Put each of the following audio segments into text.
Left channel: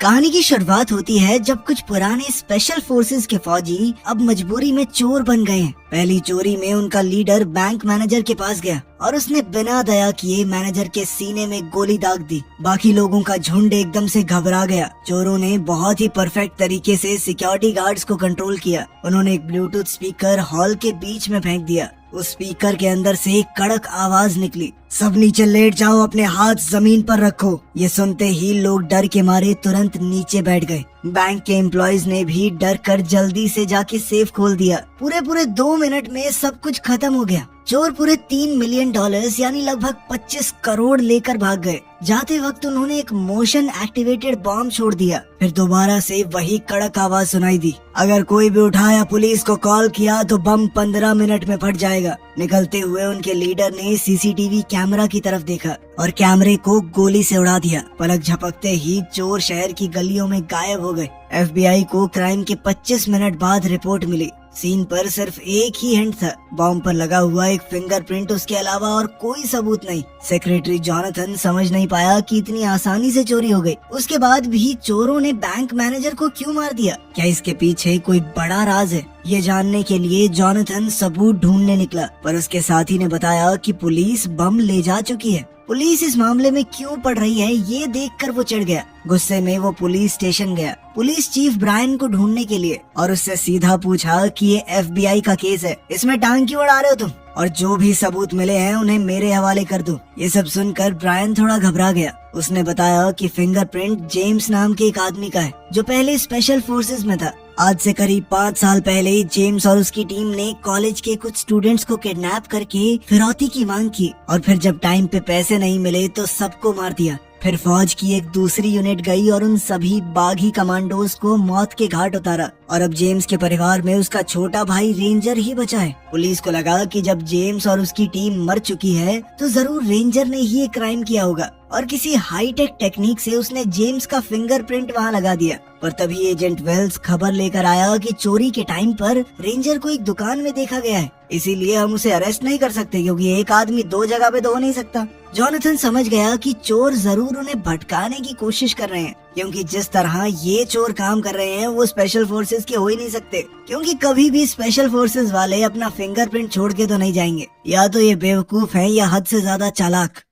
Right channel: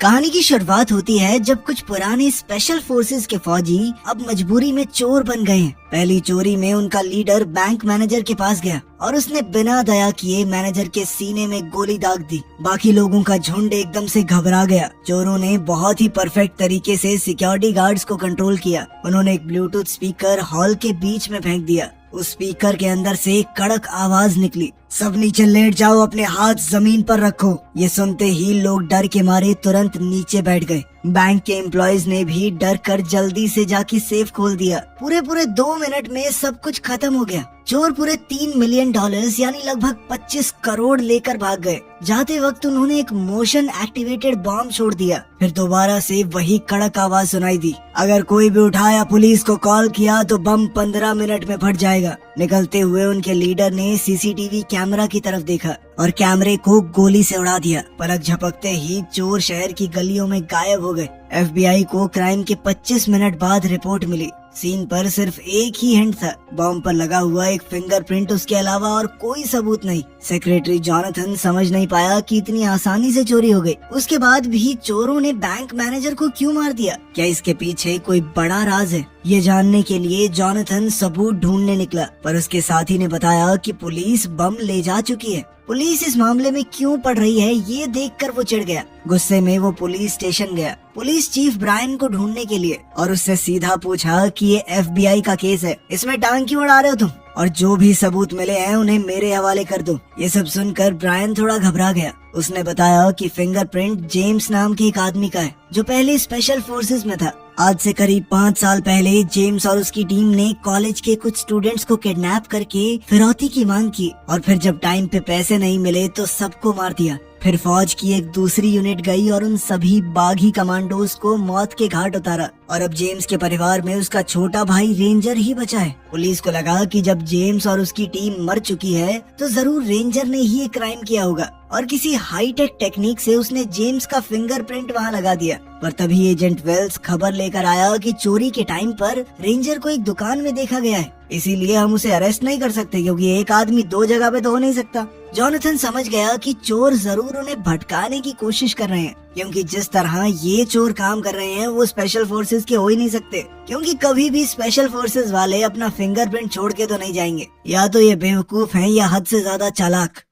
कहानी की शुरुआत होती है जब कुछ पुराने स्पेशल फोर्सेस के फौजी अब मजबूरी में चोर बन गए हैं। पहली चोरी में उनका लीडर बैंक मैनेजर के पास गया और उसने बिना दया किए मैनेजर के सीने में गोली दाग दी। बाकी लोगों का झुंड एकदम से घबरा गया। चोरों ने बहुत ही परफेक्ट तरीके से सिक्योरिटी गार्ड्स को कंट्रोल किया। उन्होंने एक ब्लूटूथ स्पीकर हॉल के बीच में फेंक दिया। उस स्पीकर के अंदर से एक कड़क आवाज निकली, सब नीचे लेट जाओ, अपने हाथ जमीन पर रखो। ये सुनते ही लोग डर के मारे तुरंत नीचे बैठ गए। बैंक के एम्प्लॉयज ने भी डर कर जल्दी से जाके सेफ खोल दिया। पूरे 2 मिनट में सब कुछ खत्म हो गया। चोर पूरे $3 मिलियन यानी लगभग 25 करोड़ लेकर भाग गए। जाते वक्त उन्होंने एक मोशन एक्टिवेटेड बॉम्ब छोड़ दिया। फिर दोबारा से वही कड़क आवाज सुनाई दी, अगर कोई भी उठाया पुलिस को कॉल किया तो बम 15 मिनट में फट जाएगा। निकलते हुए उनके लीडर ने सीसीटीवी कैमरा की तरफ देखा और कैमरे को गोली से उड़ा दिया। पलक झपकते ही चोर शहर की गलियों में गायब हो गए। FBI को क्राइम के 25 मिनट बाद रिपोर्ट मिली। सीन पर सिर्फ एक ही हिंट था, बॉम्ब पर लगा हुआ एक फिंगरप्रिंट, उसके अलावा और कोई सबूत नहीं। सेक्रेटरी जॉनथन समझ नहीं पाया कि इतनी आसानी से चोरी हो गई। उसके बाद भी चोरों ने बैंक मैनेजर को क्यों मार दिया? क्या इसके पीछे कोई बड़ा राज है? ये जानने के लिए जॉनथन सबूत ढूंढने निकला, पर उसके साथी ने बताया कि पुलिस बम ले जा चुकी है। पुलिस इस मामले में क्यों पड़ रही है ये देखकर वो चिढ़ गया। गुस्से में वो पुलिस स्टेशन गया पुलिस चीफ ब्रायन को ढूंढने के लिए और उससे सीधा पूछा कि ये FBI का केस है, इसमें टांग क्यों अड़ा रहे हो तुम, और जो भी सबूत मिले हैं उन्हें मेरे हवाले कर दो। ये सब सुनकर ब्रायन थोड़ा घबरा गया। उसने बताया कि फिंगरप्रिंट जेम्स नाम के एक आदमी का है जो पहले स्पेशल फोर्सेस में था। आज से करीब 5 साल पहले जेम्स और उसकी टीम ने कॉलेज के कुछ स्टूडेंट्स को किडनैप करके फिरौती की मांग की और फिर जब टाइम पे पैसे नहीं मिले तो सबको मार दिया। फिर फौज की एक दूसरी यूनिट गई और उन सभी बागी कमांडोज को मौत के घाट उतारा और अब जेम्स के परिवार में उसका छोटा भाई रेंजर ही बचा है। पुलिस को लगा कि जब जेम्स और उसकी टीम मर चुकी है तो जरूर रेंजर ने ही ये क्राइम किया होगा और किसी हाईटेक टेक्निक से उसने जेम्स का फिंगरप्रिंट वहाँ लगा दिया। पर तभी एजेंट वेल्स खबर लेकर आया कि चोरी के टाइम पर रेंजर को एक दुकान में देखा गया है, इसीलिए हम उसे अरेस्ट नहीं कर सकते क्योंकि एक आदमी 2 जगह पे तो हो नहीं सकता। जॉनथन समझ गया कि चोर जरूर उन्हें भटकाने की कोशिश कर रहे हैं, क्योंकि जिस तरह ये चोर काम कर रहे हैं वो स्पेशल फोर्सेस के हो ही नहीं सकते, क्योंकि कभी भी स्पेशल फोर्सेस वाले अपना फिंगरप्रिंट छोड़ के तो नहीं जाएंगे। या तो ये बेवकूफ हैं या हद से ज्यादा चालाक।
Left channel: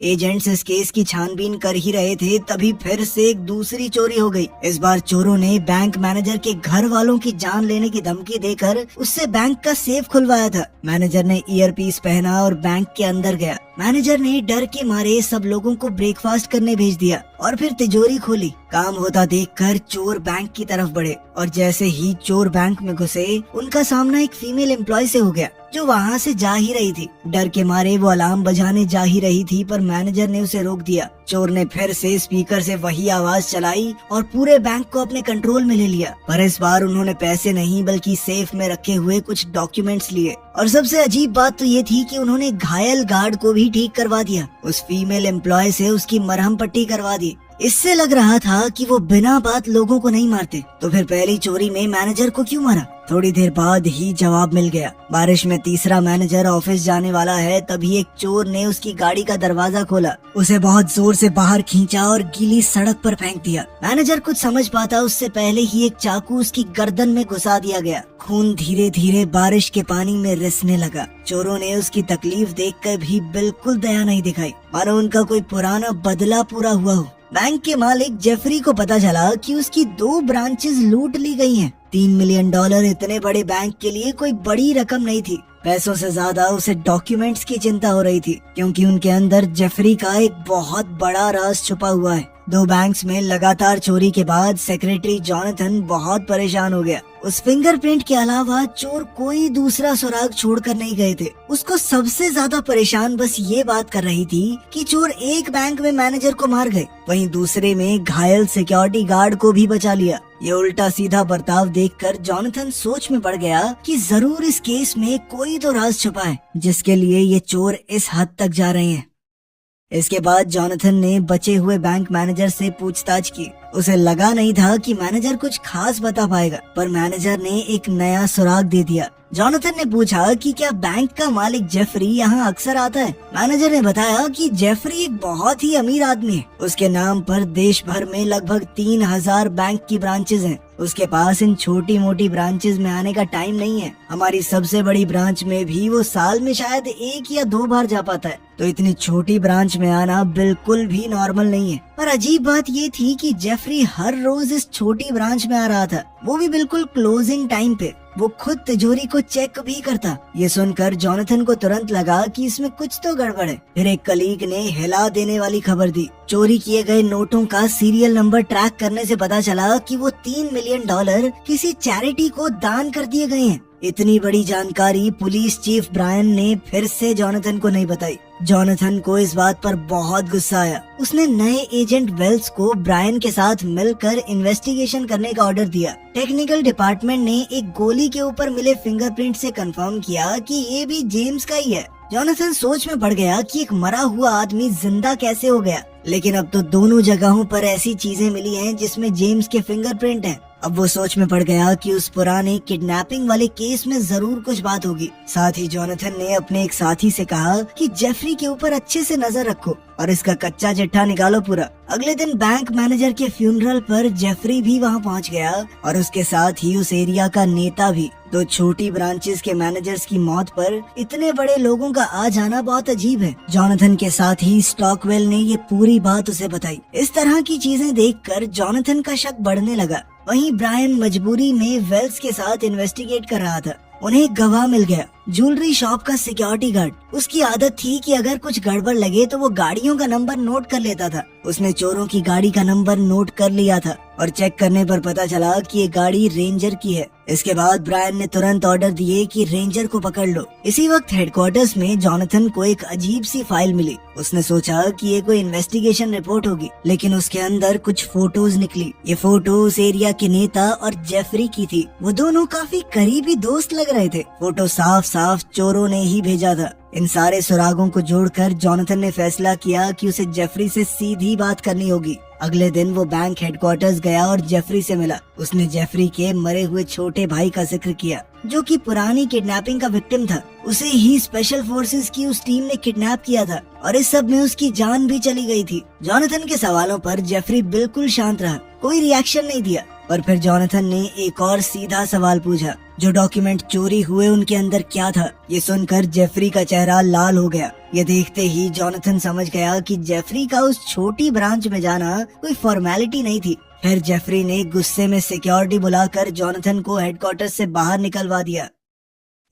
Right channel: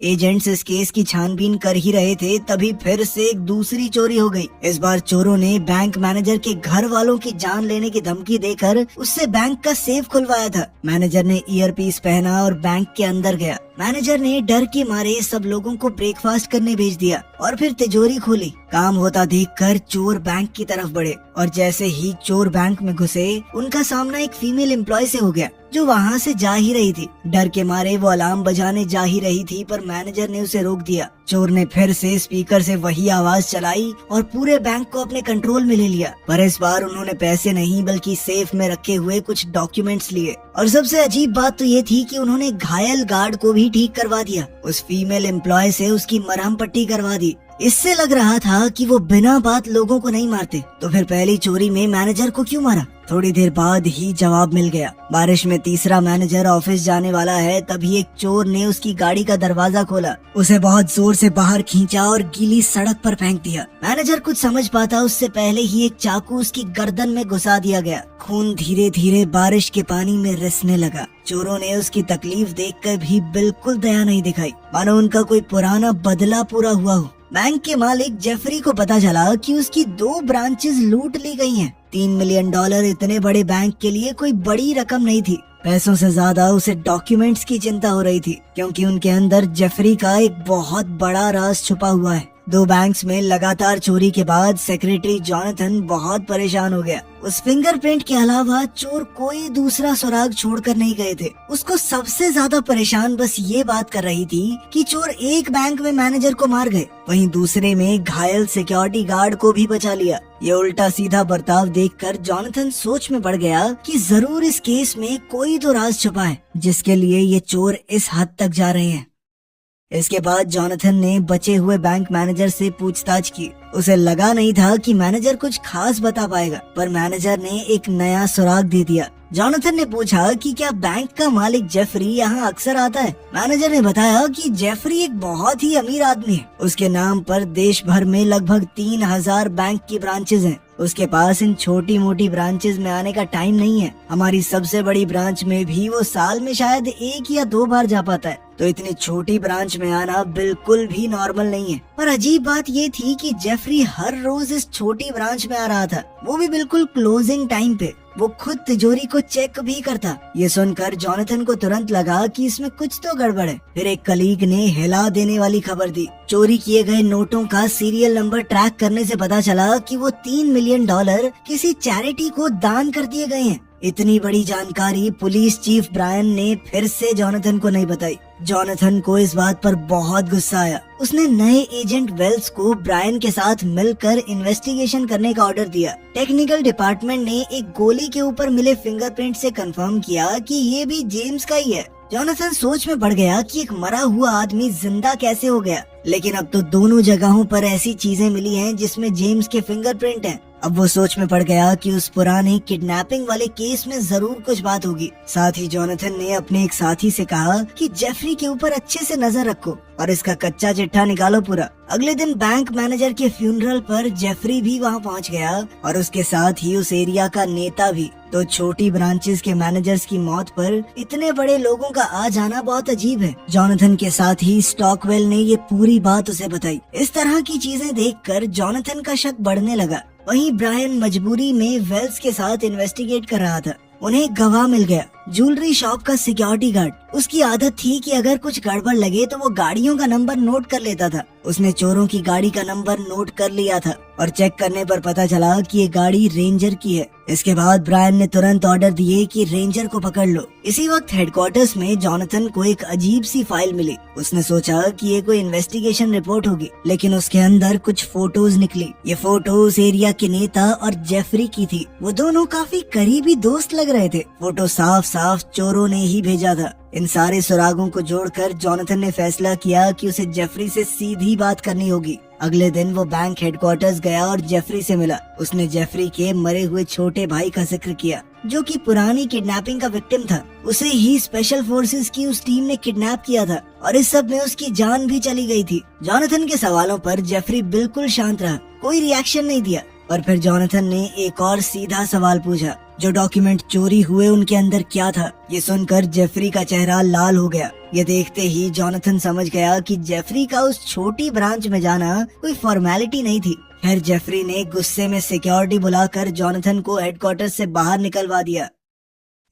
एजेंट्स इस केस की छानबीन कर ही रहे थे, तभी फिर से एक दूसरी चोरी हो गई। इस बार चोरों ने बैंक मैनेजर के घर वालों की जान लेने की धमकी देकर उससे बैंक का सेफ खुलवाया था। मैनेजर ने ईयरपीस पहना और बैंक के अंदर गया। मैनेजर ने डर के मारे सब लोगों को ब्रेकफास्ट करने भेज दिया और फिर तिजोरी खोली। काम होता देखकर चोर बैंक की तरफ बढ़े और जैसे ही चोर बैंक में घुसे उनका सामना एक फीमेल एम्प्लॉय से हो गया जो वहाँ से जा ही रही थी। डर के मारे वो अलार्म बजाने जा ही रही थी पर मैनेजर ने उसे रोक दिया। चोर ने फिर से स्पीकर से वही आवाज चलाई और पूरे बैंक को अपने कंट्रोल में ले लिया, पर इस बार उन्होंने पैसे नहीं बल्कि सेफ में रखे हुए कुछ डॉक्यूमेंट्स लिए। और सबसे अजीब बात तो ये थी कि उन्होंने घायल गार्ड को भी ठीक करवा दिया। उस फीमेल एम्प्लॉय से उसकी मरहम पट्टी करवा दी। इससे लग रहा था कि वो बिना बात लोगों को नहीं मारते, तो फिर पहली चोरी में मैनेजर को क्यों मारा? थोड़ी देर बाद ही जवाब मिल गया। बारिश में तीसरा मैनेजर ऑफिस जाने वाला है, तभी एक चोर ने उसकी गाड़ी का दरवाजा खोला, उसे बहुत जोर से बाहर खींचा और गीली सड़क पर फेंक दिया। मैनेजर कुछ समझ पाता उससे पहले ही एक चाकू उसकी गर्दन में घुसा दिया गया। खून धीरे धीरे बारिश के पानी में रिसने लगा। चोरों ने उसकी तकलीफ देखकर भी बिल्कुल दया नहीं दिखाई, मानो उनका कोई पुराना बदला पूरा हुआ हो। बैंक के मालिक जेफरी को पता चला कि उसकी 2 ब्रांचेस लूट ली गई हैं। $3 मिलियन इतने बड़े बैंक के लिए कोई बड़ी रकम नहीं थी। पैसों से ज्यादा उसे डॉक्यूमेंट्स की चिंता हो रही थी, क्योंकि उनके अंदर जेफरी का एक बहुत बड़ा राज छुपा हुआ है। 2 बैंक्स में लगातार चोरी के बाद सेक्रेटरी जॉनथन बहुत परेशान हो गया। उस फिंगरप्रिंट के अलावा चोर कोई दूसरा सुराग छोड़कर नहीं गए थे। उसको सबसे ज्यादा परेशान बस ये बात कर रही थी कि चोर एक बैंक में मैनेजर को मार गए, वहीं दूसरे में घायल सिक्योरिटी गार्ड को भी बचा लिया। ये उल्टा सीधा बर्ताव देखकर जॉनथन सोच में पड़ गया कि जरूर इस केस में कोई तो राज छुपा है जिसके लिए ये चोर इस हद तक जा रहे हैं। इसके बाद जॉनथन ने बचे हुए बैंक मैनेजर से पूछताछ की। उसे लगा नहीं था कि मैनेजर कुछ खास बता पाएगा, पर मैनेजर ने एक नया सुराग दे दिया। जॉनथन ने पूछा कि क्या बैंक का मालिक जेफरी यहाँ अक्सर आता है। मैनेजर ने बताया कि जेफरी एक बहुत ही अमीर आदमी है। उसके नाम पर देश भर में लगभग 3000 बैंक की ब्रांचेज हैं। उसके पास इन छोटी मोटी ब्रांचेज में आने का टाइम नहीं है। हमारी सबसे बड़ी ब्रांच में भी वो साल में शायद 1 या 2 बार जा पाता है, तो इतनी छोटी ब्रांच में आना बिल्कुल भी नॉर्मल नहीं है। पर अजीब बात ये थी कि जेफरी हर रोज इस छोटी ब्रांच में आ रहा था, वो भी बिल्कुल क्लोजिंग टाइम पे। वो खुद तिजोरी को चेक भी करता। ये सुनकर जॉनथन को तुरंत लगा कि इसमें कुछ तो गड़बड़ है। फिर एक कलीग ने हिला देने वाली खबर दी। चोरी किए गए नोटों का सीरियल नंबर ट्रैक करने से पता चला कि वो $3 मिलियन किसी चैरिटी को दान कर दिए गए हैं। इतनी बड़ी जानकारी पुलिस चीफ ब्रायन ने फिर से जॉनथन को नहीं बताई। जॉनथन को इस बात पर बहुत गुस्सा आया। उसने नए एजेंट वेल्स को ब्रायन के साथ मिलकर इन्वेस्टिगेशन करने का ऑर्डर दिया। टेक्निकल डिपार्टमेंट ने एक गोली के ऊपर मिले फिंगरप्रिंट से कंफर्म किया कि ये भी जेम्स का ही है। जॉनथन सोच में पड़ गया कि एक मरा हुआ आदमी जिंदा कैसे हो गया, लेकिन अब तो दोनों जगहों पर ऐसी चीजें मिली हैं जिसमें जेम्स के फिंगरप्रिंट हैं। अब वो सोच में पड़ गया कि उस पुराने किडनैपिंग वाले केस में जरूर कुछ बात होगी। साथ ही जॉनथन ने अपने एक साथी से कहा कि जेफरी के ऊपर अच्छे से नजर रखो और इसका कच्चा चिट्ठा निकालो पूरा। अगले दिन बैंक मैनेजर के फ्यूनरल पर जेफरी भी वहाँ पहुँच गया और उसके साथ ही उस एरिया का नेता भी। 2 छोटी ब्रांचेस के मैनेजर्स की मौत पर इतने बड़े लोगों का आ जाना बहुत अजीब है। जॉनथन के साथ ही स्टॉकवेल ने ये पूरी बात उसे बताई। इस तरह की चीजें देखकर जॉनथन का शक बढ़ने लगा। वहीं ब्रायन मजबूरी में वेल्स के साथ इन्वेस्टिगेट कर रहा था। उन्हें एक गवाह मिल गया, ज्वेलरी शॉप का सिक्योरिटी गार्ड। उसकी आदत थी कि अगर कुछ गड़बड़ लगे तो वो गाड़ियों का नंबर नोट कर लेता था। उसने चोरों की गाड़ी का नंबर नोट कर लिया था और चेक करने पर पता चला कि ये गाड़ी रेंजर की है। इसके बाद ब्रायन ने तुरंत ऑर्डर दिए कि रेंजर को पकड़ लो। इसी वक्त हेडक्वार्टर्स में जॉनथन को एक अजीब सी फाइल मिली। उसने सोचा कि ये कोई इन्वेस्टिगेशन रिपोर्ट होगी, लेकिन उसके अंदर कुछ फोटोज निकली। ये फोटो उस एरिया के नेता और जेफरी की थी। वो दोनों काफी करीबी दोस्त लग रहे थे। फोटो साफ साफ चोरों ने ही भेजा था। इन सारे सुरागों को जोड़कर जॉनथन ने फैसला किया कि उसे जेफरी से सीधी बात करनी होगी। अगले दिन वो बैंक हेडक्वार्टर्स गया और जेफरी से मिला। उसने जेफरी के मरे हुए छोटे भाई का जिक्र किया, जो कि पुरानी किडनैपिंग का विक्टिम था। उसे ही स्पेशल फोर्सेस की उस टीम ने किडनैप किया था और इस सब में उसकी जान भी चली गई थी। जॉनथन के सवालों पर जेफरी बिल्कुल शांत रहा, कोई रिएक्शन नहीं दिया। पर फिर जॉनथन ने एक और सीधा सवाल पूछा, जो डॉक्यूमेंट चोरी हुए उनके अंदर क्या था? ये सुनकर जेफरी का चेहरा लाल हो गया। ये देखते ही जॉनथन समझ गया कि जेफरी का उस छोटी ब्रांच में जाना कोई फॉर्मेलिटी नहीं थी। फिर जेफरी ने गुस्से में सिक्योरिटी बुलाकर जॉनथन को हेडक्वार्टर से बाहर निकलवा दिया।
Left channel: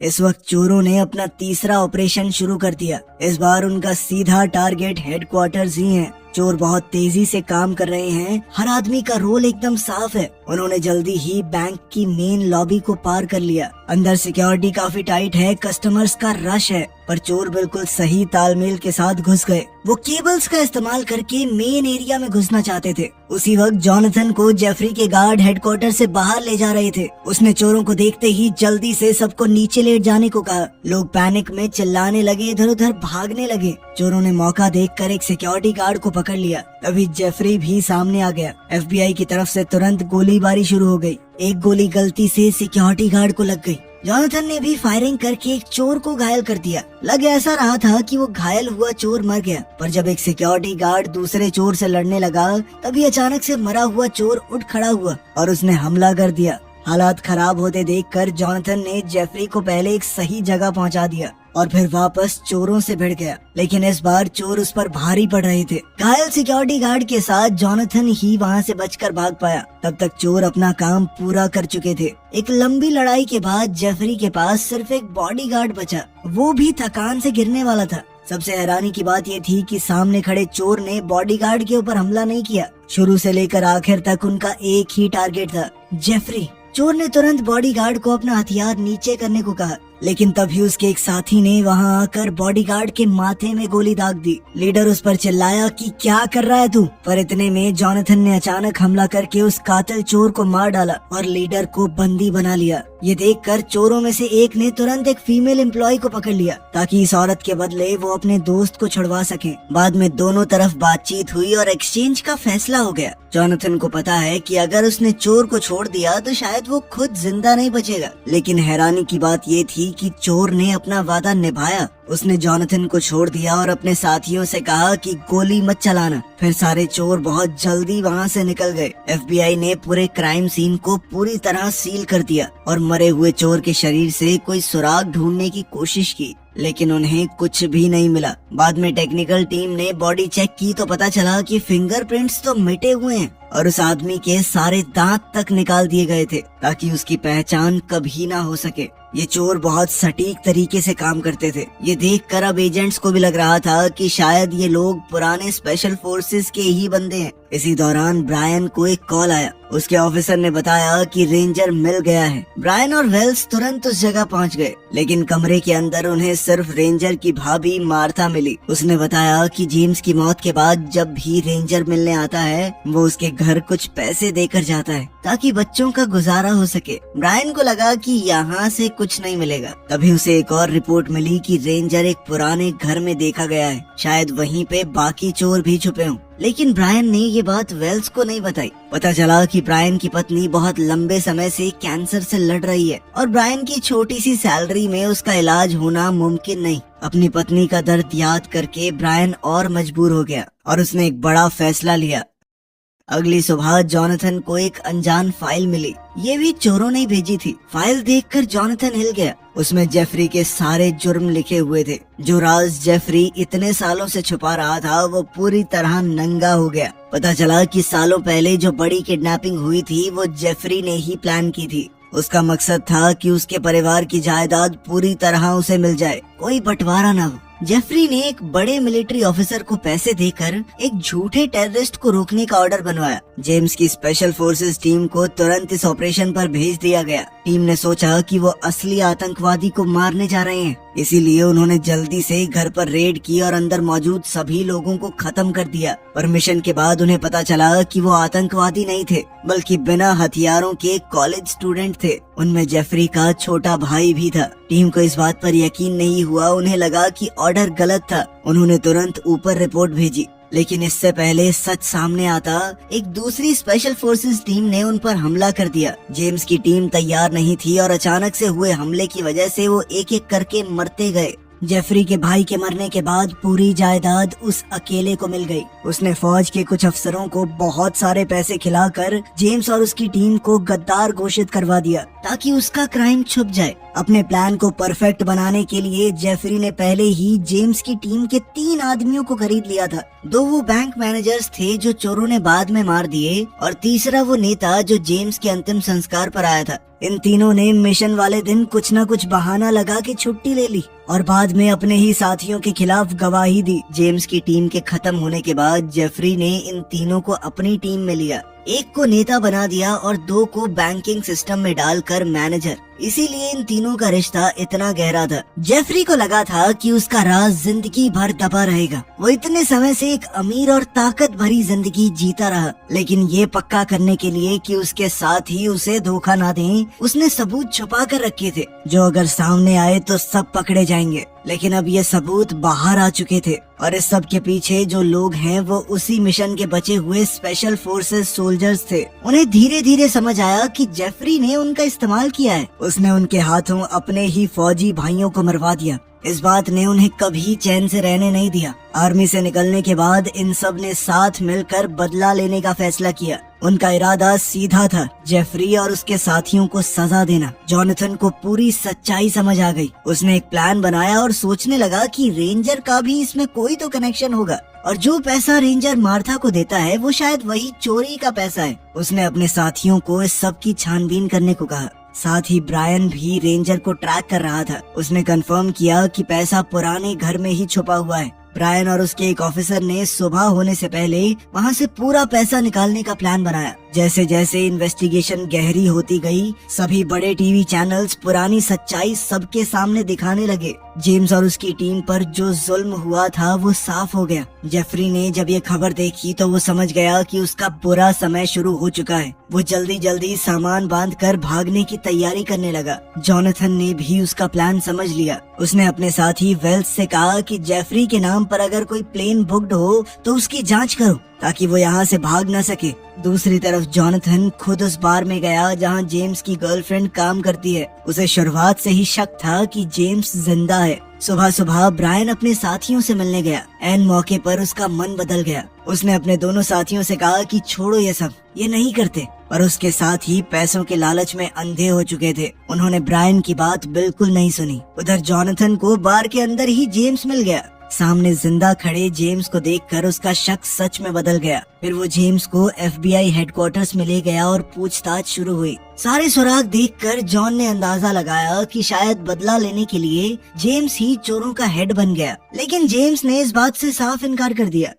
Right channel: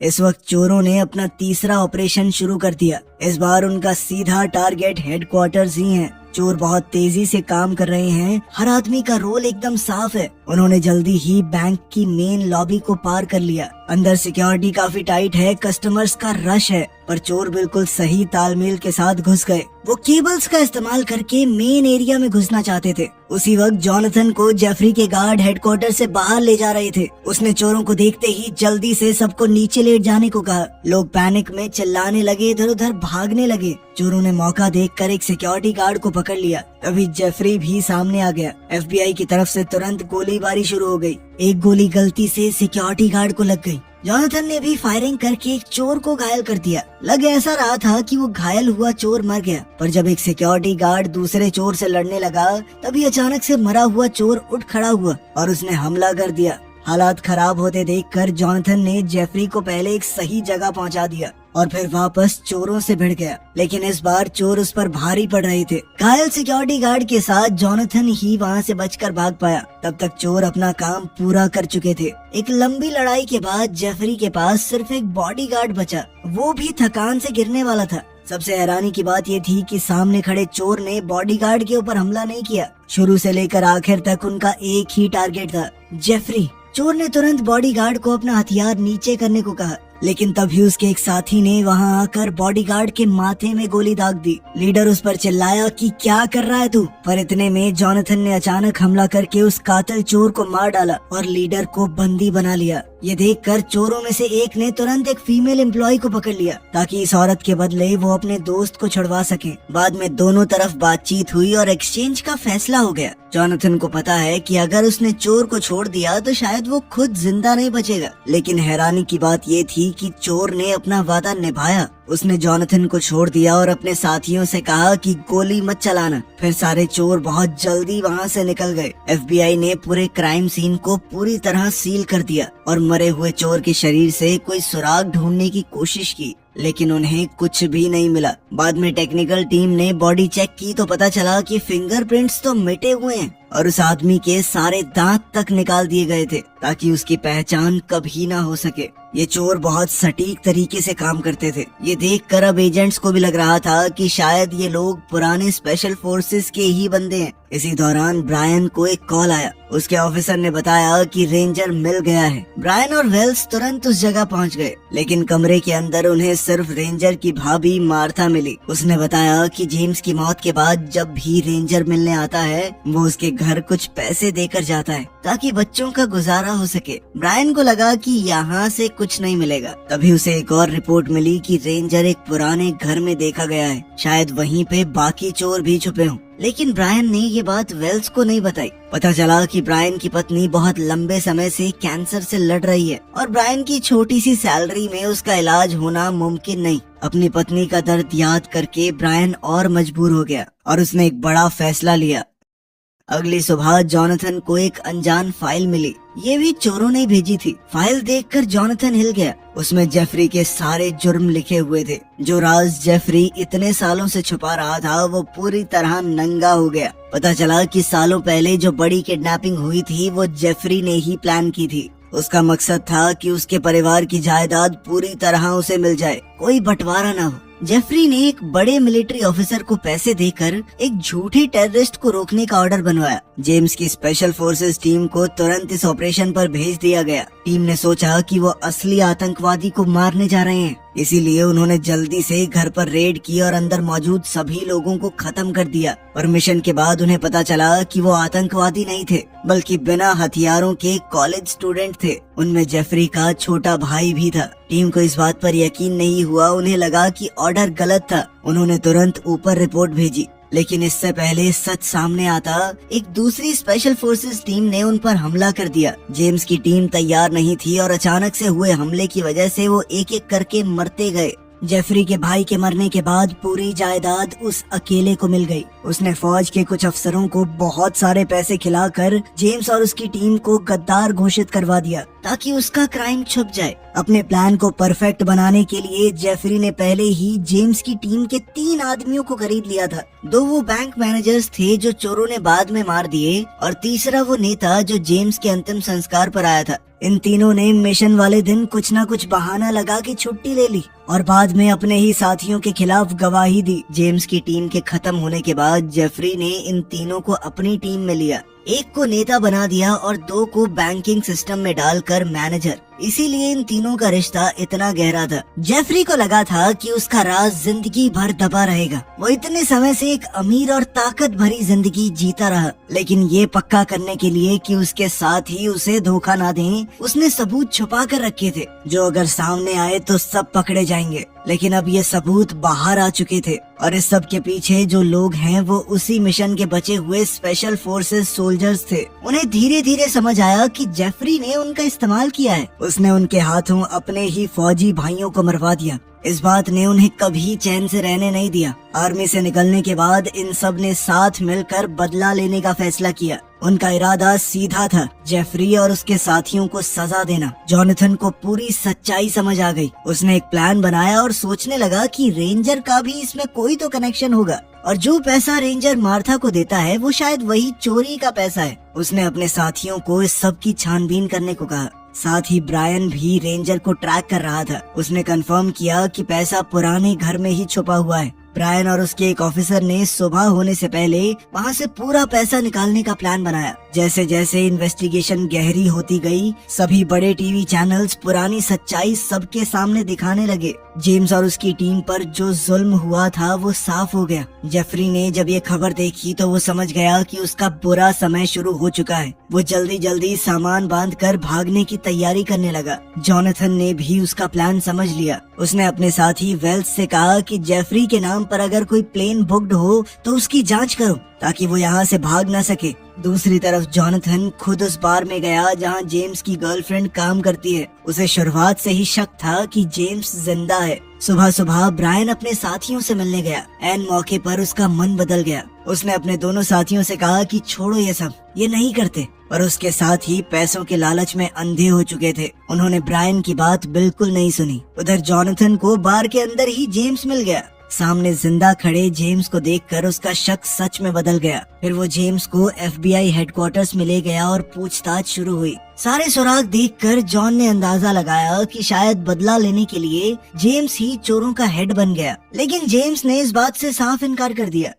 इस वक्त चोरों ने अपना तीसरा ऑपरेशन शुरू कर दिया। इस बार उनका सीधा टारगेट हेडक्वार्टर्स ही है। चोर बहुत तेजी से काम कर रहे हैं। हर आदमी का रोल एकदम साफ है। उन्होंने जल्दी ही बैंक की मेन लॉबी को पार कर लिया। अंदर सिक्योरिटी काफी टाइट है, कस्टमर्स का रश है, पर चोर बिल्कुल सही तालमेल के साथ घुस गए। वो केबल्स का इस्तेमाल करके मेन एरिया में घुसना चाहते थे। उसी वक्त जॉनथन को जेफरी के गार्ड हेडक्वार्टर से बाहर ले जा रहे थे। उसने चोरों को देखते ही जल्दी से सबको नीचे लेट जाने को कहा। लोग पैनिक में चिल्लाने लगे, इधर उधर भागने लगे। चोरों ने मौका देखकर एक सिक्योरिटी गार्ड को पकड़ लिया। तभी जेफरी भी सामने आ गया। FBI की तरफ से तुरंत गोलीबारी शुरू हो गई। एक गोली गलती से सिक्योरिटी गार्ड को लग गई। जॉनथन ने भी फायरिंग करके एक चोर को घायल कर दिया। लग ऐसा रहा था कि वो घायल हुआ चोर मर गया, पर जब एक सिक्योरिटी गार्ड दूसरे चोर से लड़ने लगा, तभी अचानक से मरा हुआ चोर उठ खड़ा हुआ और उसने हमला कर दिया। हालात खराब होते देखकर जॉनथन ने जेफरी को पहले एक सही जगह पहुंचा दिया और फिर वापस चोरों से भिड़ गया। लेकिन इस बार चोर उस पर भारी पड़ रहे थे। घायल सिक्योरिटी गार्ड के साथ जॉनथन ही वहां से बचकर भाग पाया। तब तक चोर अपना काम पूरा कर चुके थे। एक लंबी लड़ाई के बाद जेफरी के पास सिर्फ एक बॉडीगार्ड बचा, वो भी थकान से गिरने वाला था। सबसे हैरानी की बात ये थी कि सामने खड़े चोर ने बॉडीगार्ड के ऊपर हमला नहीं किया। शुरू से लेकर आखिर तक उनका एक ही टारगेट था, जेफरी। चोर ने तुरंत बॉडीगार्ड को अपना हथियार नीचे करने को कहा। लेकिन तभी उसके एक साथी ने वहां आकर बॉडीगार्ड के माथे में गोली दाग दी। लीडर उस पर चिल्लाया कि क्या कर रहा है तू, पर इतने में जॉनथन ने अचानक हमला करके उस कातिल चोर को मार डाला और लीडर को बंदी बना लिया। ये देखकर चोरों में से एक ने तुरंत एक फीमेल एम्प्लॉय को पकड़ लिया ताकि इस औरत के बदले वो अपने दोस्त को छुड़वा सके। बाद में दोनों तरफ बातचीत हुई और एक्सचेंज का फैसला हो गया। जॉनथन को पता है कि अगर उसने चोर को छोड़ दिया तो शायद वो खुद जिंदा नहीं बचेगा, लेकिन हैरानी की बात ये थी कि चोर ने अपना वादा निभाया। उसने जॉनथन को छोड़ दिया और अपने साथियों से कहा कि गोली मत चलाना। फिर सारे चोर बहुत जल्दी वहाँ से निकल गए। FBI ने पूरे क्राइम सीन को पूरी तरह सील कर दिया और मरे हुए चोर के शरीर से कोई सुराग ढूंढने की कोशिश की, लेकिन उन्हें कुछ भी नहीं मिला। बाद में टेक्निकल टीम ने बॉडी चेक की तो पता चला कि फिंगरप्रिंट्स तो मिटे हुए हैं और उस आदमी के सारे दांत तक निकाल दिए गए थे ताकि उसकी पहचान कभी ना हो सके। ये चोर बहुत सटीक तरीके से काम करते थे। ये देखकर अब एजेंट्स को भी लग रहा था कि शायद ये लोग पुराने स्पेशल फोर्सेस के ही बंदे हैं। इसी दौरान ब्रायन को एक कॉल आया। उसके ऑफिसर ने बताया कि रेंजर मिल गया है। ब्रायन और वेल्स तुरंत उस जगह पहुंच गए, लेकिन कमरे के अंदर उन्हें सिर्फ रेंजर की भाभी मार्था मिली। उसने बताया कि जेम्स की मौत के बाद जब भी रेंजर मिलने आता है वो उसके घर कुछ पैसे देकर जाता है ताकि बच्चों का गुजारा हो सके। ब्रायन को लगा कि यहाँ से कुछ नहीं मिलेगा। तभी उसे एक और रिपोर्ट मिली कि रेंजर एक पुराने घर में देखा गया है, शायद वहीं पे बाकी चोर भी छुपे हों। लेकिन ब्रायन ने ये बात वेल्स को नहीं बताई। पता चला कि ब्रायन की पत्नी बहुत लंबे समय से कैंसर से लड़ रही है और ब्रायन की छोटी सी सैलरी में उसका इलाज होना मुमकिन नहीं। अपनी पत्नी का दर्द याद करके ब्रायन और मजबूर हो गया और उसने एक बड़ा फैसला लिया। अगली सुबह जॉनथन को एक अनजान फाइल मिली। ये भी चोरों ने भेजी थी। फाइल देखकर जॉनथन हिल गया। उसमें जेफरी के सारे जुर्म लिखे हुए थे। जो राज जेफरी इतने सालों से छुपा रहा था वो पूरी तरह नंगा हो गया। पता चला कि सालों पहले जो बड़ी किडनैपिंग हुई थी वो जेफरी ने ही प्लान की थी। उसका मकसद था कि उसके परिवार की जायदाद पूरी तरह उसे मिल जाए, कोई बंटवारा न हो। जेफरी ने एक बड़े मिलिट्री ऑफिसर को पैसे देकर एक झूठे टेररिस्ट को रोकने का ऑर्डर बनवाया। जेम्स की स्पेशल फोर्सेस टीम को तुरंत इस ऑपरेशन पर भेज दिया गया। टीम ने सोचा कि वो असली आतंकवादी को मारने जा रहे हैं, इसीलिए उन्होंने जल्दी से घर पर रेड की और अंदर मौजूद सभी लोगों को खत्म कर दिया। परमिशन के बाद उन्हें पता चला कि वो आतंकवादी नहीं थे, बल्कि बिना हथियारों के कॉलेज स्टूडेंट थे। उनमें जेफरी का छोटा भाई भी था। टीम को इस बात पर यकीन नहीं हुआ। उन्हें लगा कि ऑर्डर गलत था। उन्होंने तुरंत ऊपर रिपोर्ट भेजी, लेकिन इससे पहले सच सामने आता, एक दूसरी स्पेशल फोर्सेस टीम ने उन पर हमला कर दिया। जेम्स की टीम तैयार नहीं थी और अचानक से हुए हमले की वजह से वो एक एक करके मरते गए। जेफरी के भाई के मरने के बाद पूरी जायदाद उस अकेले को मिल गई। उसने फौज के कुछ अफसरों को बहुत सारे पैसे खिलाकर जेम्स और उसकी टीम को गद्दार घोषित करवा दिया ताकि उसका क्राइम छुप जाए। अपने प्लान को परफेक्ट बनाने के लिए जेफरी ने पहले ही जेम्स की टीम के 3 आदमियों को खरीद लिया था। 2 वो बैंक मैनेजर्स थे जो चोरों ने बाद में मार दिए और तीसरा वो नेता जो जेम्स के अंतिम संस्कार पर आया था। इन तीनों ने मिशन वाले दिन कुछ न कुछ बहाना लगा के छुट्टी ले ली और बाद में अपने ही साथियों के खिलाफ गवाही दी। जेम्स की टीम के खत्म होने के बाद जेफरी ने इन तीनों को अपनी टीम में लिया। एक को नेता बना दिया और 2 को बैंकिंग सिस्टम में डालकर मैनेजर। इसीलिए इन तीनों का रिश्ता इतना गहरा था। जेफरी को लगा था कि उसका राज जिंदगी भर दबा रहेगा। वो इतने समय से एक अमीर और ताकत भरी जिंदगी जीता रहा, लेकिन ये पक्का करने के लिए कि उसके साथ ही उसे धोखा ना दें, उसने सबूत छुपा कर रखे थे जो अगर सामने आए तो सब पकड़े जाएंगे। लेकिन अब ये सबूत बाहर आ चुके थे और इस सब के पीछे जो लोग हैं वो उसी मिशन के बचे हुए स्पेशल फोर्सेस सोल्जर्स थे। उन्हें धीरे धीरे समझ आया कि जेफरी ने उनका इस्तेमाल किया है। उसने उनके हाथों अपने ही फौजी भाइयों को मरवा दिया। इस बात ने उन्हें कभी चैन से रहने नहीं दिया। आर्मी से निकलने के बाद इन सब ने साथ मिलकर बदला लेने का फैसला किया। उनका इरादा सीधा था, जेफरी और उसके साथियों को सजा देना। जॉनथन को पूरी सच्चाई समझ आ गई। उसने एक प्लान बनाया और सोचने लगा कि रेंजर का भी इसमें कोई तो कनेक्शन होगा और जो पैसा रेंजर मार्था को देता है वो शायद वही चोरी का पैसा है। उसने अपने साथियों को इस सब की छानबीन करने को कहा। साथ ही ब्रायन भी रेंजर को ट्रैक कर रहा था। उसने कंफर्म किया कि पैसा पुराने घर में ही छुपा हुआ है। ब्रायन और उसके एक ऑफिसर ने सुबह होने से पहले वहाँ से पूरा पैसा निकालने का प्लान बनाया। जैसे जैसे इन्वेस्टिगेशन गहरी होती गई, सभी बड़े टीवी चैनल्स पुरानी सच्चाई सबके सामने दिखाने लगे। जेम्स और उसकी टीम पर जो जुल्म हुआ था वो साफ हो गया। जेफरी ने जब ये खबर देखी तो वो समझ गया कि उसका बुरा समय शुरू हो चुका है। वो जल्दी जल्दी सामान बांधकर भागने की तैयारी करने लगा। जॉनथन ने भी उसका प्लान समझ लिया। उसने अपने साथी वेल्स से कहा कि जेफरी के नाम पर अगर कोई प्लेन बुक्ड हो तो उसकी जांच करो ताकि वो यहाँ से भाग न सके। दूसरी तरफ जॉनथन खुद उस बार में गया जहाँ जेम्स की गर्लफ्रेंड काम करती है। उसे शुरुआत से ही शक था कि जेम्स जिंदा है। सुबह सुबह ब्रायन अपने साथियों से मिलने गया। एन मौके पर उसका मन बदल गया। उसने अपने दोनों साथियों से कहा कि छोड़ो ये सब, ये नहीं करते। और उसके साथ ही पैसों के लालच में अंधे हो चुके थे। उन्होंने ब्रायन की बात बिल्कुल नहीं सुनी। उधर जॉनथन को बार के अंदर ही जेम्स मिल गया। सामने जिंदा खड़े जेम्स को देखकर उसका शक सच में बदल गया। फिर वो जेम्स को FBI हेडक्वार्टर्स में ले गया और पूछताछ शुरू हुई। सारे सुराग देखकर जॉन ने अंदाजा लगाया कि शायद बदला लेने के लिए जेम्स ही चोरों का हेड बन गया, लेकिन जेम्स ने इस बात से साफ इनकार कर दिया।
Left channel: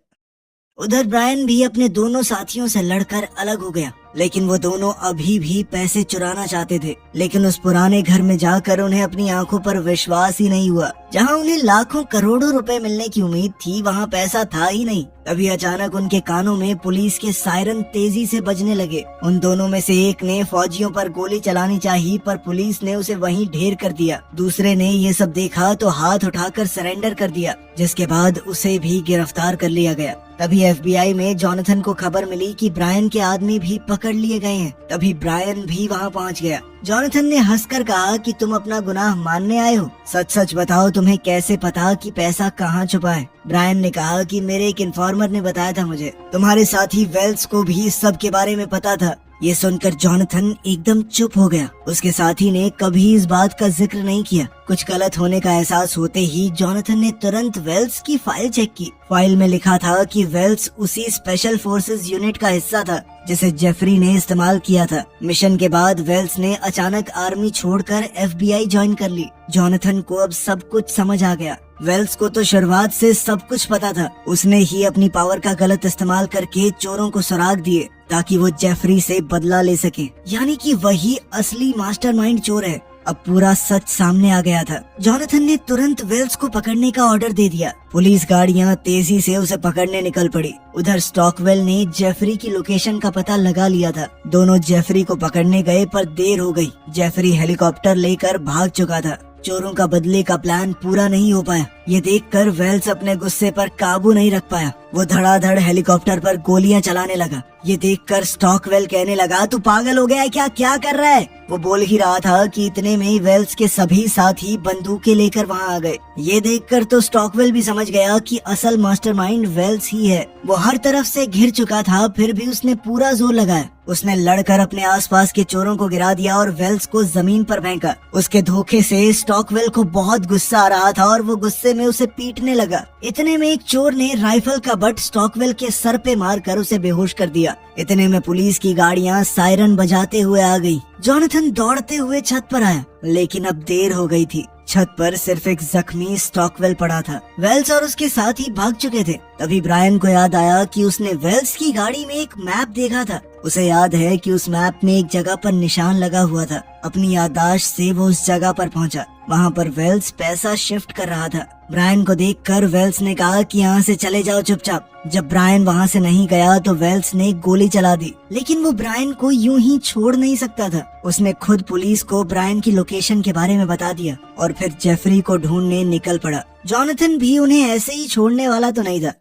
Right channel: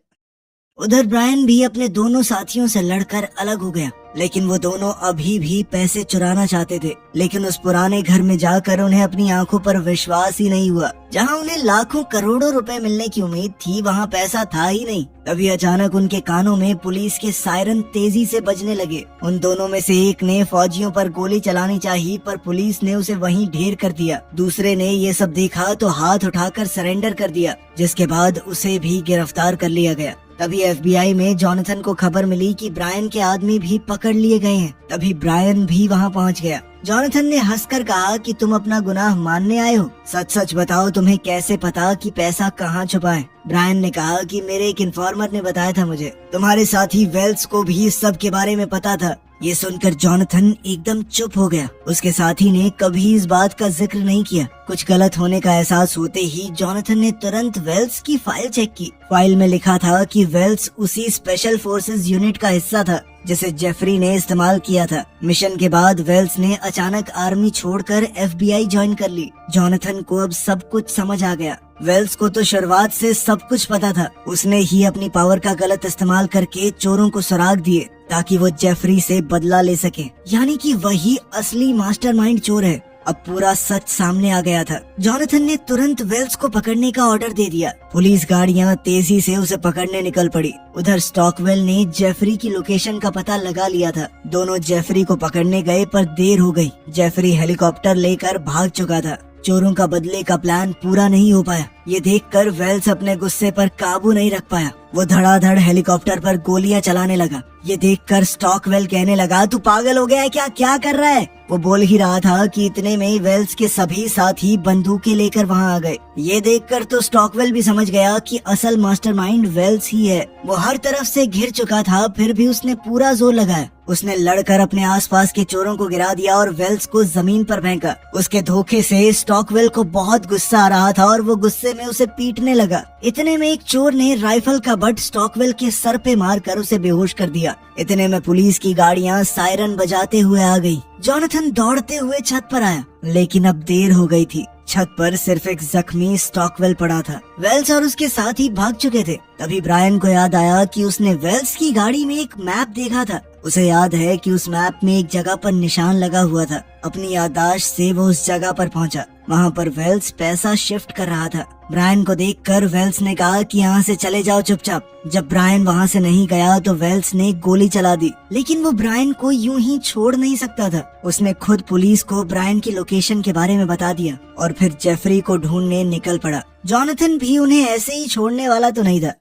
उधर ब्रायन भी अपने दोनों साथियों से लड़कर अलग हो गया, लेकिन वो दोनों अभी भी पैसे चुराना चाहते थे। लेकिन उस पुराने घर में जाकर उन्हें अपनी आंखों पर विश्वास ही नहीं हुआ। जहां उन्हें लाखों करोड़ों रुपए मिलने की उम्मीद थी, वहां पैसा था ही नहीं। तभी अचानक उनके कानों में पुलिस के सायरन तेजी से बजने लगे। उन दोनों में से एक ने फौजियों पर गोली चलानी चाहिए, पर पुलिस ने उसे वहीं ढेर कर दिया। दूसरे ने ये सब देखा तो हाथ उठाकर सरेंडर कर दिया, जिसके बाद उसे भी गिरफ्तार कर लिया गया। तभी FBI में जॉनथन को खबर मिली कि ब्रायन के आदमी भी पकड़ लिए गए हैं। तभी ब्रायन भी वहां पहुंच गया। जॉनथन ने हंसकर कहा कि तुम अपना गुनाह मानने आए हो, सच सच बताओ तुम्हें कैसे पता कि पैसा कहाँ छुपा है। ब्रायन ने कहा कि मेरे एक इन्फॉर्मर ने बताया था मुझे। तुम्हारे साथी वेल्स को भी इस सब के बारे में पता था। ये सुनकर जॉनथन एकदम चुप हो गया। उसके साथी ने कभी इस बात का जिक्र नहीं किया। कुछ गलत होने का एहसास होते ही जॉनथन ने तुरंत वेल्स की फाइल चेक की। फाइल में लिखा था कि वेल्स उसी स्पेशल फोर्सेस यूनिट का हिस्सा था जिसे जेफरी ने इस्तेमाल किया था। मिशन के बाद वेल्स ने अचानक आर्मी छोड़कर FBI ज्वाइन कर ली। जॉनथन को अब सब कुछ समझ आ गया। वेल्स को तो शुरुआत से सब कुछ पता था। उसने ही अपनी पावर का गलत इस्तेमाल करके चोरों को सुराग दिए ताकि वो जेफरी से बदला ले सके। यानी कि वही असली मास्टरमाइंड चोर है। अब पूरा सच सामने आ गया था। जॉनथन ने तुरंत वेल्स को पकड़ने का ऑर्डर दे दिया। पुलिस गाड़ियां तेजी से उसे पकड़ने निकल पड़ी। उधर स्टॉकवेल ने जेफरी की लोकेशन का पता लगा लिया था। दोनों जेफरी को पकड़ने गए पर देर हो गई। जेफरी हेलीकॉप्टर लेकर भाग चुका था। चोरों का बदले का प्लान पूरा नहीं हो पाया। ये देखकर वेल्स अपने गुस्से पर काबू नहीं रख पाया। वो धड़ाधड़ हेलीकॉप्टर पर गोलियां चलाने लगा। ये देखकर स्टॉकवेल कहने लगा, तू पागल हो गया है क्या कर रहा है? वो बोल ही रहा था कि इतने में ही वेल्स के सभी साथी बंदूकें लेकर वहां आ गए। ये देखकर तो स्टॉकवेल भी समझ गया कि असल मास्टरमाइंड वेल्स ही है। वो हर तरफ से घिर चुका था, फिर भी उसने पूरा जोर लगाया। उसने लड़कर अपने आसपास के चोरों को गिरा दिया और वेल्स को जमीन पर फेंका। उसके धोखे से स्टॉकवेल को बहुत गुस्सा आ रहा था और वो गुस्से में उसे पीटने लगा। इतने में एक चोर ने राइफल का बट स्टॉकवेल के सर पे मारकर उसे बेहोश कर दिया। इतने में पुलिस की गाड़ियां सायरन बजाते हुए आ गई। जॉनथन दौड़ते हुए छत पर आया, लेकिन अब देर हो गई थी। छत पर सिर्फ एक जख्मी स्टॉकवेल पड़ा था। वेल्स और उसके साथी भाग चुके थे। तभी ब्रायन को याद आया कि उसने वेल्स की गाड़ी में एक मैप देखा था। उसे याद है कि उस मैप में एक जगह पर निशान लगा हुआ था। अपनी याददाश्त से वो उस जगह पर पहुंचा। वहाँ पर वेल्स पैसा शिफ्ट कर रहा था। ब्रायन को देखकर वेल्स ने कहा कि यहाँ से चले जाओ चुपचाप। जब ब्रायन वहाँ से नहीं गया तो वेल्स ने गोली चला दी, लेकिन वो ब्रायन को यूं ही छोड़ नहीं सकता था। उसने खुद पुलिस को ब्रायन की लोकेशन के बारे में बता दिया और फिर जेफरी को ढूंढने निकल पड़ा। जॉनथन भी उन्हें ऐसे ही छोड़ने वाला तो नहीं था।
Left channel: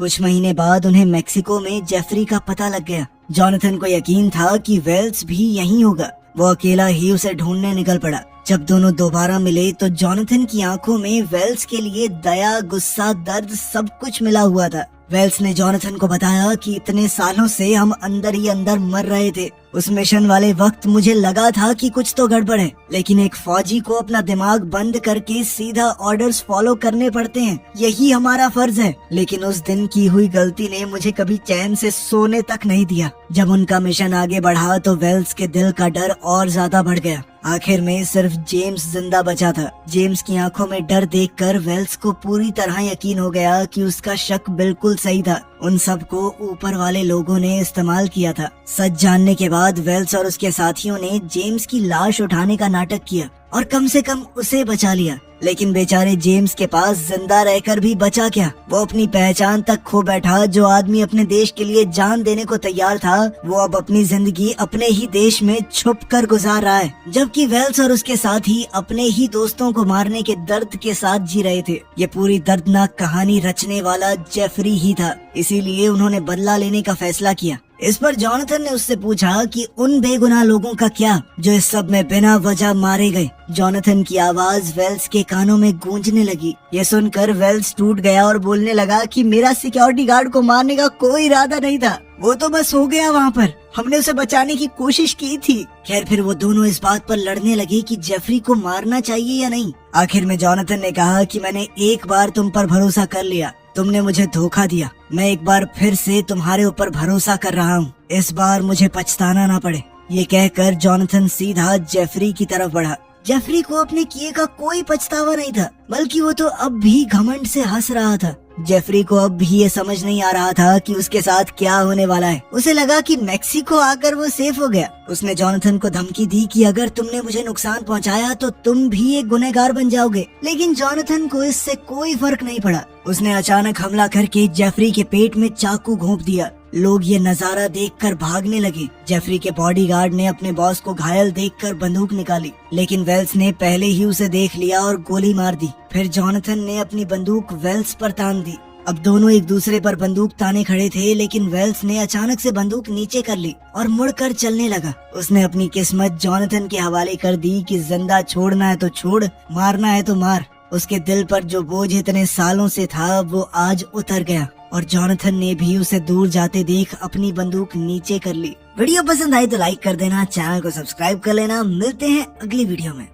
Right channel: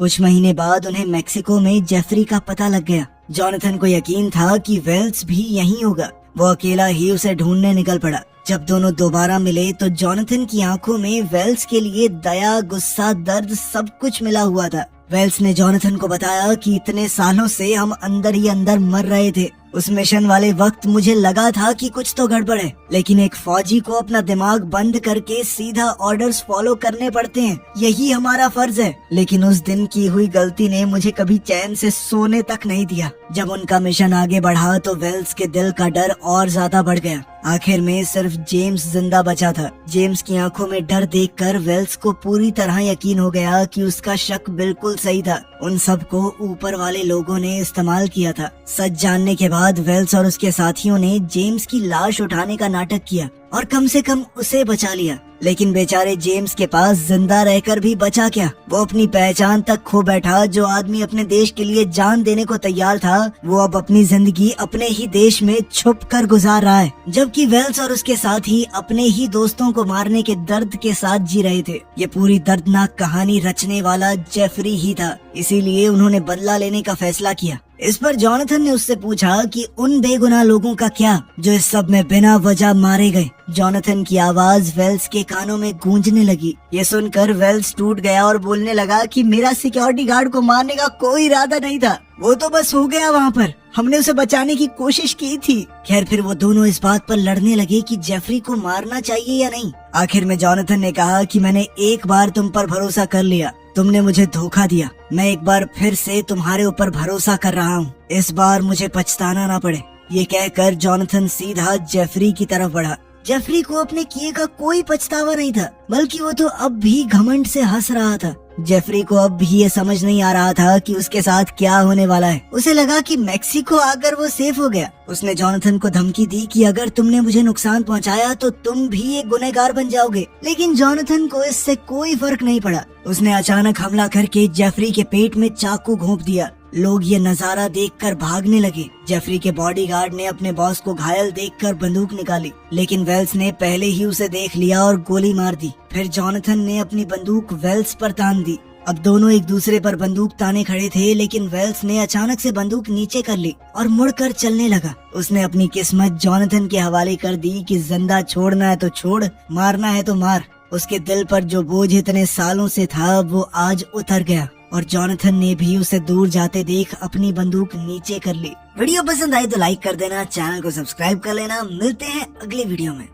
कुछ महीने बाद उन्हें मेक्सिको में जेफरी का पता लग गया। जॉनथन को यकीन था कि वेल्स भी यहीं होगा। वो अकेला ही उसे ढूंढने निकल पड़ा। जब दोनों दोबारा मिले तो जॉनथन की आंखों में वेल्स के लिए दया, गुस्सा, दर्द सब कुछ मिला हुआ था। वेल्स ने जॉनथन को बताया कि इतने सालों से हम अंदर ही अंदर मर रहे थे। उस मिशन वाले वक्त मुझे लगा था कि कुछ तो गड़बड़ है, लेकिन एक फौजी को अपना दिमाग बंद करके सीधा ऑर्डर्स फॉलो करने पड़ते हैं, यही हमारा फर्ज है। लेकिन उस दिन की हुई गलती ने मुझे कभी चैन से सोने तक नहीं दिया। जब उनका मिशन आगे बढ़ा तो वेल्स के दिल का डर और ज्यादा बढ़ गया। आखिर में सिर्फ जेम्स जिंदा बचा था। जेम्स की आंखों में डर देखकर वेल्स को पूरी तरह यकीन हो गया कि उसका शक बिल्कुल सही था। उन सबको ऊपर वाले लोगों ने इस्तेमाल किया था। सच जानने के बाद वेल्स और उसके साथियों ने जेम्स की लाश उठाने का नाटक किया और कम से कम उसे बचा लिया। लेकिन बेचारे जेम्स के पास जिंदा रहकर भी बचा क्या? वो अपनी पहचान तक खो बैठा। जो आदमी अपने देश के लिए जान देने को तैयार था, वो अब अपनी जिंदगी अपने ही देश में छुप कर गुजार रहा है, जबकि वेल्स और उसके साथी अपने ही दोस्तों को मारने के दर्द के साथ जी रहे थे। ये पूरी दर्दनाक कहानी रचने वाला जेफरी ही था, इसीलिए उन्होंने बदला लेने का फैसला किया। इस पर जॉनथन ने उससे पूछा कि उन बेगुनाह लोगों का क्या जो इस सब में बिना वजह मारे गए। जॉनथन की आवाज वेल्स के कानों में गूंजने लगी। ये सुनकर वेल्स टूट गया और बोलने लगा कि मेरा सिक्योरिटी गार्ड को मारने का कोई इरादा नहीं था, वो तो बस हो गया वहाँ पर, हमने उसे बचाने की कोशिश की थी। खैर फिर वो दोनों इस बात पर लड़ने लगे कि जेफरी को मारना चाहिए या नहीं। आखिर में जॉनथन ने कहा कि मैंने एक बार तुम पर भरोसा कर लिया, तुमने मुझे धोखा दिया, मैं एक बार फिर से तुम्हारे ऊपर भरोसा कर रहा हूँ, इस बार मुझे पछताना ना पड़े। ये कहकर जॉनथन सीधा जेफरी की तरफ बढ़ा। जेफरी को अपने किए का कोई पछतावा नहीं था, बल्कि वो तो अब भी घमंड से हंस रहा था। जेफरी को अब भी ये समझ नहीं आ रहा था कि उसके साथ क्या होने वाला है। उसे लगा कि मेक्सिको आकर वो सेफ हो गया। उसने जॉनथन को धमकी दी कि अगर तुमने मुझे नुकसान पहुंचाया तो तुम भी एक गुनहगार बन जाओगे। लेकिन जॉनथन को इससे कोई फर्क नहीं पड़ा। उसने अचानक हमला करके जेफरी के पेट में चाकू घोंप दिया। लोग ये नजारा देखकर भागने लगे। जेफरी के बॉडीगार्ड ने अपने बॉस को घायल देखकर बंदूक निकाली, लेकिन वेल्स ने पहले ही उसे देख लिया और गोली मार दी। फिर जॉनथन ने अपनी बंदूक वेल्स पर तान दी। अब दोनों एक दूसरे पर बंदूक ताने खड़े थे, लेकिन वेल्स ने अचानक से बंदूक नीचे कर ली और मुड़कर चलने लगा। उसने अपनी किस्मत जॉनथन के हवाले कर दी कि जिंदा छोड़ना है तो छोड़, मारना है तो मार। उसके दिल पर जो बोझ इतने सालों से था वो आज उतर गया और जॉनथन ने भी उसे दूर जाते देख अपनी बंदूक नीचे कर ली। वीडियो पसंद आई तो लाइक कर देना, चैनल को सब्सक्राइब कर लेना। मिलते हैं अगली वीडियो में।